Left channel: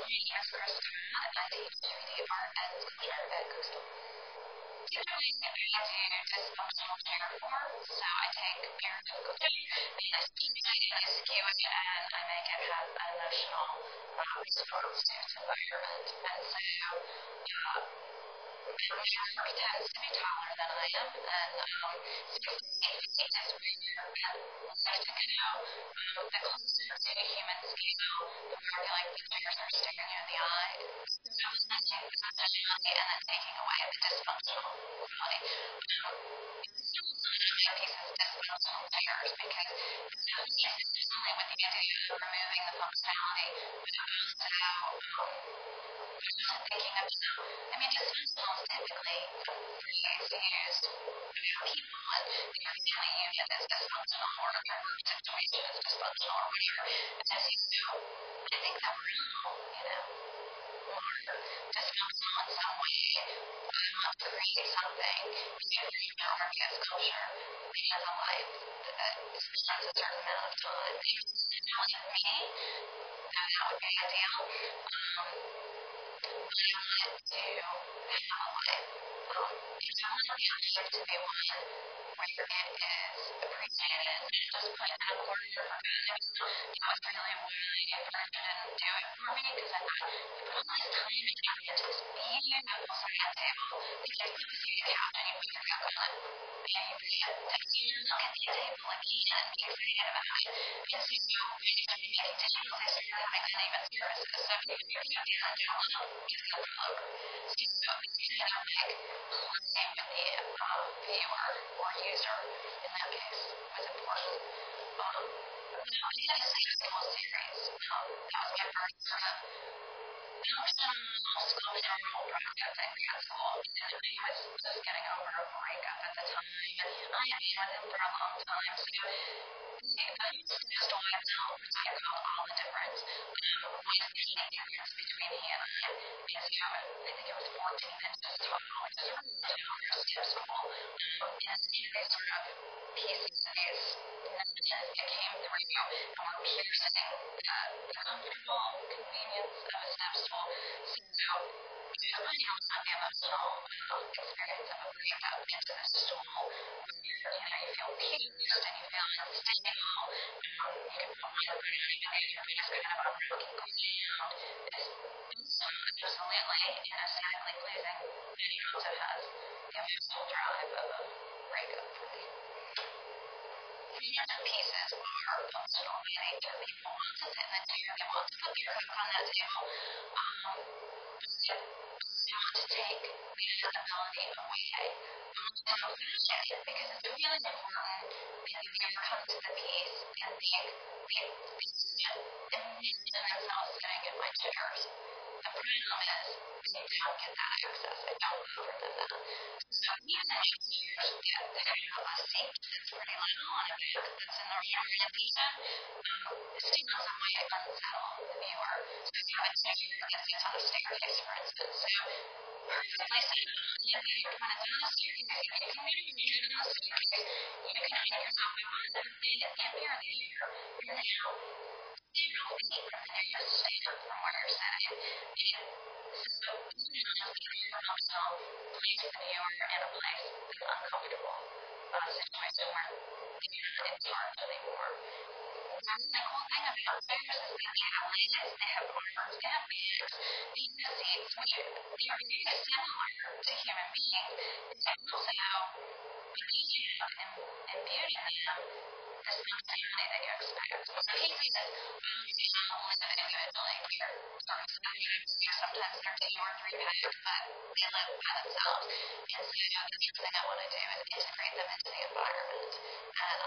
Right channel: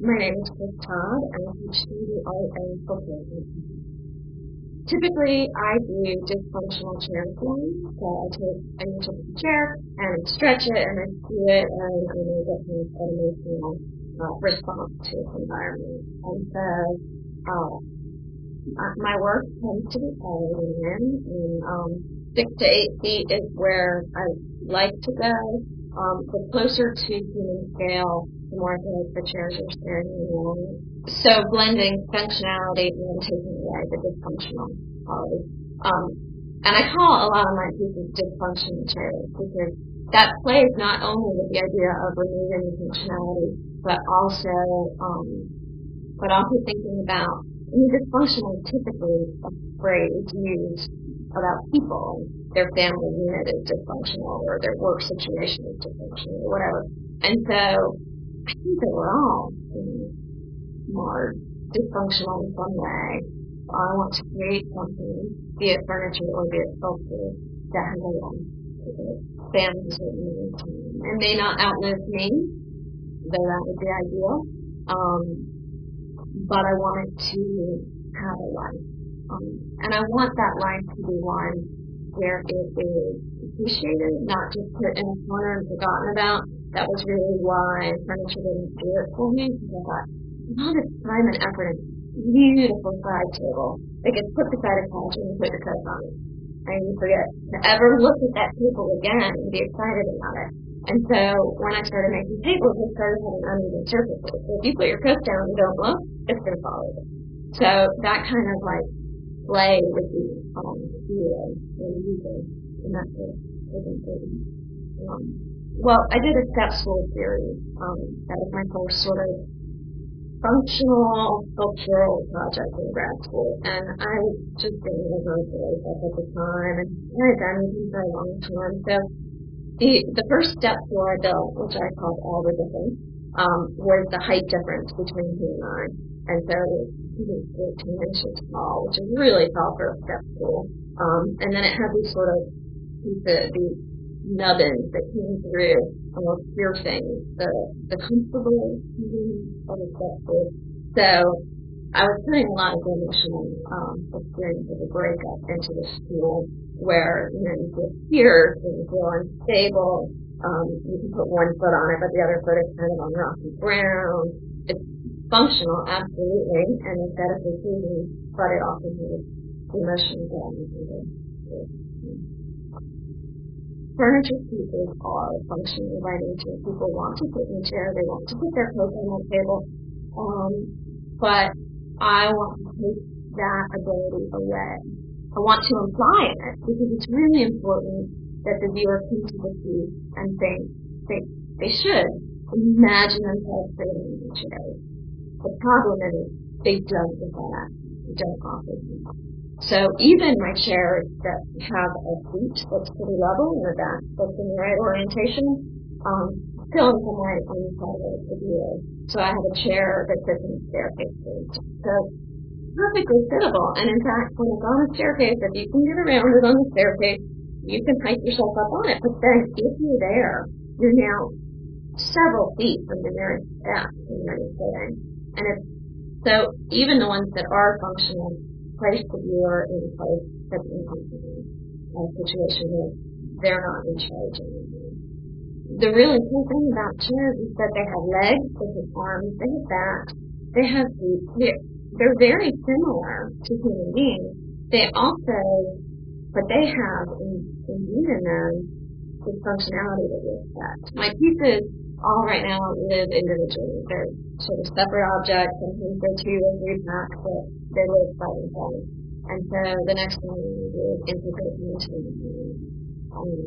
My name is Chris Todd, and I teach 3D art and sculpture at Coastal. Typically, I do dysfunctional chair forms, so I take your typical chair and I stretch it and I skew it and I make it have an emotional response to its environment. And so my work tends to be taller than I am, and 6 to 8 feet is where I like to go. The closer to human scale, the more I feel like the chairs are staring you in the eye. So blending functionality and then taking away the dysfunctional quality. And I call a lot of my pieces dysfunctional chairs because that plays not only with the idea of removing the functionality, but also thinking about, dysfunctional is typically a phrase used about people, and their family unit is dysfunctional, or their work situation is dysfunctional, or whatever. And so I think that we're all, marred, dysfunctional in some way. I want to create something, be it furniture or be it sculpture, that has a life, that spans a certain amount of time. It may not outlive me, though that would be ideal, but I want it to have a life. And I want that life to be one where it is appreciated, not just put in a corner and forgotten about. That was really why furniture didn't do it for me, because I thought, you put all this time and effort into this beautiful side table that gets put beside a couch and you put your Coke on it. And you forget to ever look at that table again and be excited about it. And so when I started making tables, they started having uneven surfaces. So if you put your Coke down and don't look, it's going to fall over. So that kind of play with the viewer or user in that case was important. I did a step stool series. That was my first sort of functional sculptural project in grad school, and I was just getting over a breakup at the time, and I had been with him for a long time. So the first step stool I built, which I called All the Difference, was the height difference between he and I. And so I think it was 14 inches tall, which is really tall for a step stool. And then it had these sort of pieces, these nubbins that came through and were piercing the comfortable convenience of a step stool. So I was putting a lot of the emotional experience of a breakup into this stool, where you feel pierced and you feel unstable. You can put one foot on it, but the other foot is kind of on rocky ground. It's functional, absolutely, and aesthetically pleasing, but it also has the emotional drive of a breakup for me. Furniture pieces are functional by nature. People want to sit in a chair, they want to put their Coke on that table, but I want to take that ability away. I want to imply it because it's really important that the viewer come to the piece and think they should imagine themselves sitting in my chairs. The problem is they don't get that access. I don't offer them that. So even my chairs that have a seat that's pretty level and a back that's in the right orientation, still in some way unsettle the viewer. So I have a chair that sits on a staircase, for instance. So perfectly sittable, and in fact, when it's on a staircase, if you can get around it on the staircase, you can hike yourself up on it. But then if you're there, you're now several feet from the nearest step from where you're sitting. And so even the ones that are functional place the viewer in a place that's uncomfortable, a situation where they're not in charge anymore. The really cool thing about chairs is that they have legs, they have arms, they have backs, they have seats. They're very similar to human beings. But they have imbued in them this functionality that you expect. My pieces all right now live individually. They're sort of separate objects. Sometimes they're 2 or 3 pack, but they live by themselves. And so the next thing I want to do is integrate them into the environment. And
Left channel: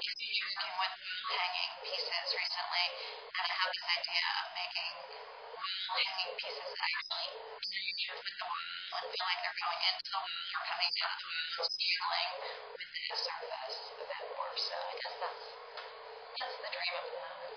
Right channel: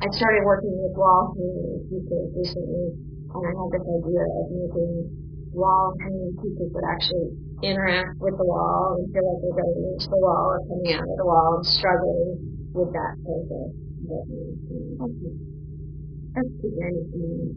I started working with wall hanging pieces recently, and I have this idea of making wall hanging pieces that actually interact with the wall and feel like they're going into the wall or coming out of the wall and struggling with that surface a bit more. So I guess that's the dream of the moment.